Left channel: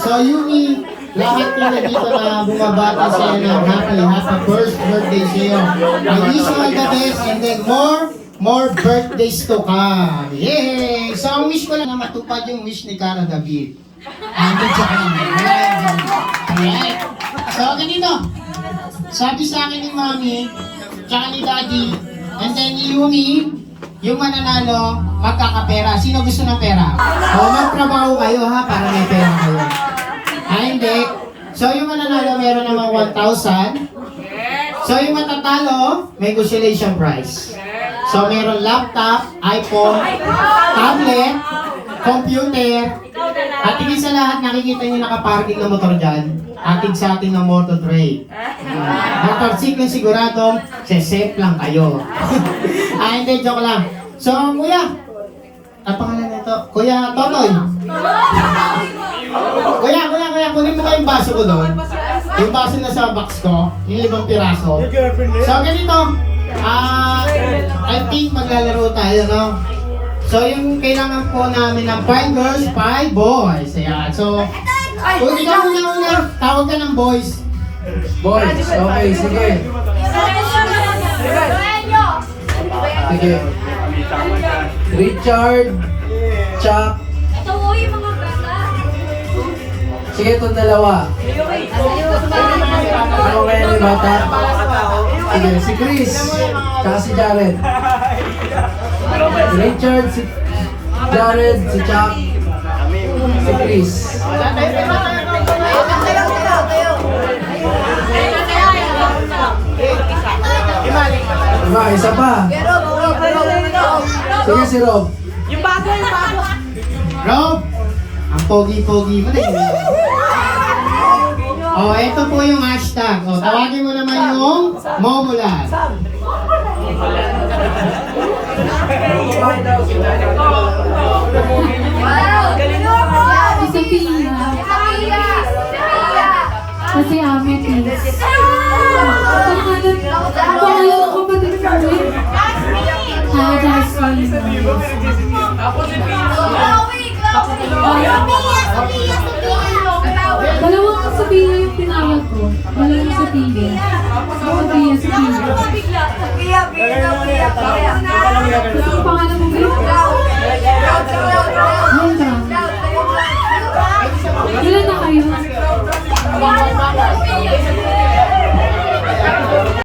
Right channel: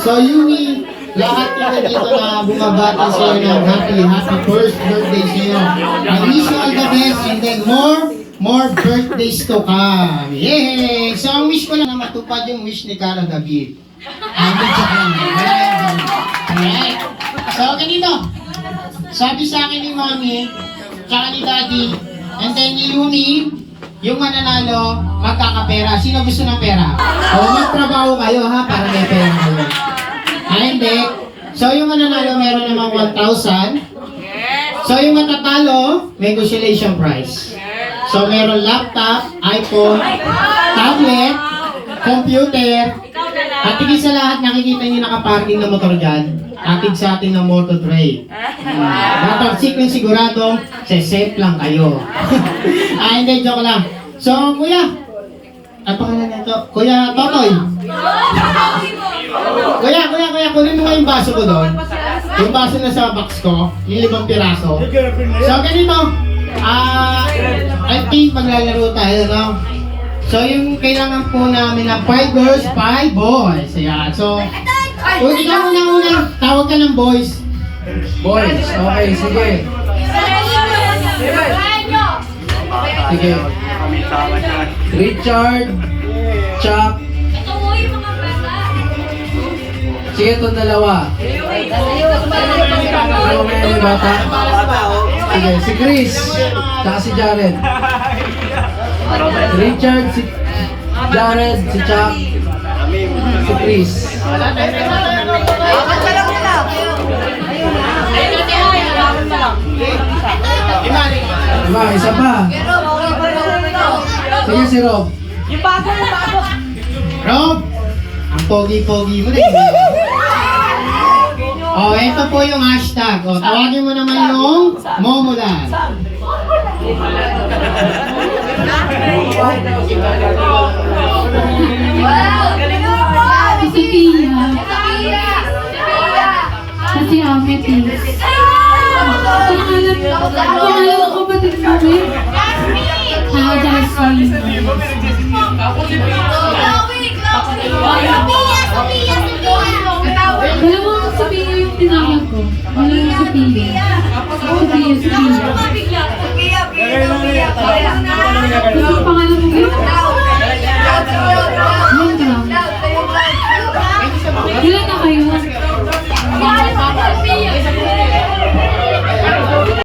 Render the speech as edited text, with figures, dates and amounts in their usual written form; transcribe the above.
So, Yumi, lahat kita dito na bumabati sa'yo ng happy first birthday sa'yo. I wish you all the best and then more birthdays to come. Yay! So, ang wish ko lang na matupad yung wish ni Cara David. Good job lang. Alright. So, ganito. Sabi sa akin ni Mommy, tsaka ni Daddy, and then ni Yumi, yung mananalo, magkakapera. Sino gusto ng pera? O, magtrabaho kayo ha, para may pera kayo. Hindi. So, yung mananalo, meron naman 1,000. So, yung matatalo, may consolation prize. So, meron laptop, iPhone, tablet, computer, at higit sa lahat, nakikita niyo nakaparking na motor dyan. Atid sa atin ng Moto3. Motorcycle siguradong, safe lang kayo. Hindi, joke lang. So, kuya, ang pangalan nito? Kuya Totoy. Kuya, kunin mo nga yung baso ko doon. Yung baso na sa box ko, yung 5 piraso. So, ganito. I think maglalaro tayo, no? So, yung kailangan po namin na 5 girls, 5 boys. Ayan. So, kung ikaw unang-una, tawag ka ng boys. Boys, okay, sige. Sige. Richard, Chuck. Ito mo yung mga bata. Sige, itong dalawa. Ano kaya yung bata? Sige, si Chris, tsaka si Jared. Richard, si Jared, si Chuck, si Chris. Isa pa. Sige si Rob. Yung bago. Rob! Ang pogi-pogi mo rin. Ito po yung hashtag. Tawagin mo naman yung Momulan. Si Pia. Kasi Amethyst. Pangalan ng kapatid namin? Jasmine. Dalawang Sophia yung tinawag ko. Dalawang Sophia. Sophia. Ang pangalan